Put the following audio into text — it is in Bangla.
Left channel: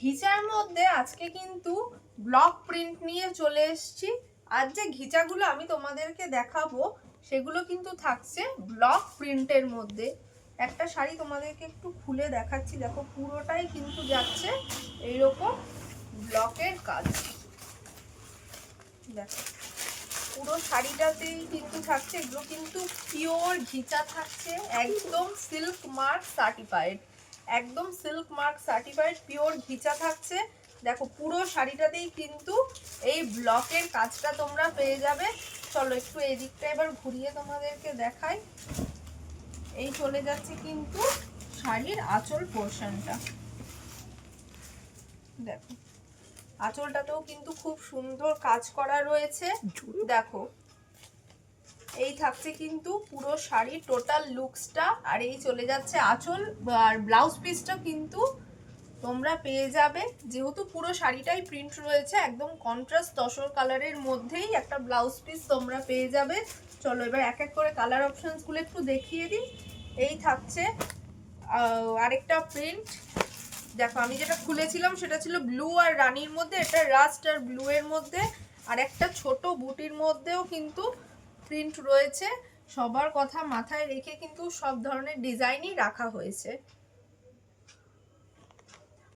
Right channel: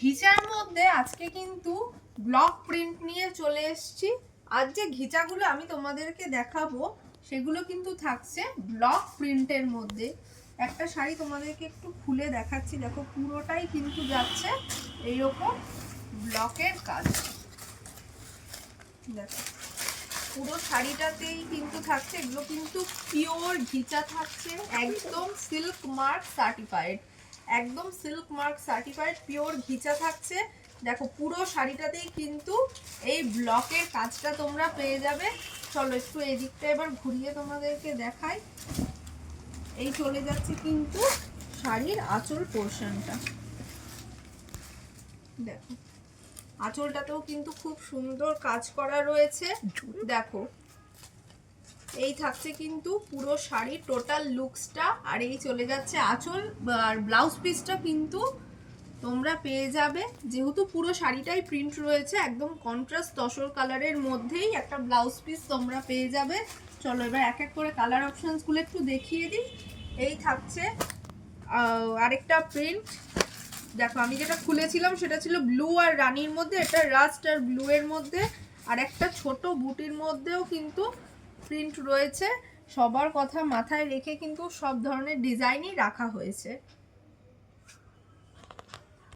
ঘিচার মধ্যে আজকে কিন্তু ব্লক প্রিন্ট নিয়ে চলে এসেছি। আর যে ঘিচাগুলো আমি তোমাদেরকে দেখাবো সেগুলো কিন্তু থাকছে ব্লক প্রিন্টের মধ্যে। একটা শাড়ি তোমাদেরকে একটু খুলে দেখাচ্ছি, দেখো পুরোটাই কিন্তু যাচ্ছে এইরকম ব্লকের কাজ। দেখো পুরো শাড়িটাতেই কিন্তু থাকছে, এগুলো কিন্তু পিওর ঘিচা থাকছে, একদম সিল্ক মার্ক সার্টিফাইড, একদম সিল্ক মার্ক সার্টিফাইড পিওর ঘিচা থাকছে। দেখো পুরো শাড়িটাতেই কিন্তু এই ব্লকের কাজটা তোমরা পেয়ে যাবে। চলো একটু এই দিকটা এবার ঘুরিয়ে তোমাদেরকে দেখাই। এই চলে যাচ্ছে কিন্তু শাড়ির আঁচল পোর্শনটা। দেখো আঁচলটাতেও কিন্তু খুব সুন্দর কাজ করা রয়েছে। দেখো এই থাকছে কিন্তু পুরো শাড়ি টোটাল লুকসটা। আর এই চলে যাচ্ছে আঁচল, আর ব্লাউজ পিসটা কিন্তু তোমরা পেয়ে যাবে, যেহেতু পুরো শাড়িটাই প্রিন্ট রয়েছে একদম কন্ট্রাস্ট তসর কালারের মধ্যেই একটা ব্লাউজ পিস তোমরা পেয়ে যাবে। চলো এবার এক এক করে কালার অপশনসগুলো একটু দেখিয়ে দিই। এই থাকছে আরেকটা প্রিন্ট। দেখো আমি যেটা খুলেছিলাম সেটা ছিল ব্লু আর রানির মধ্যে, এটা রাস্ট আর ব্লু এর মধ্যে, আর একটা ছোট বুটির মধ্যেও কিন্তু প্রিন্ট রয়েছে। সবার কথা মাথায় রেখে কিন্তু সব ধরনের ডিজাইনই রাখা হয়েছে।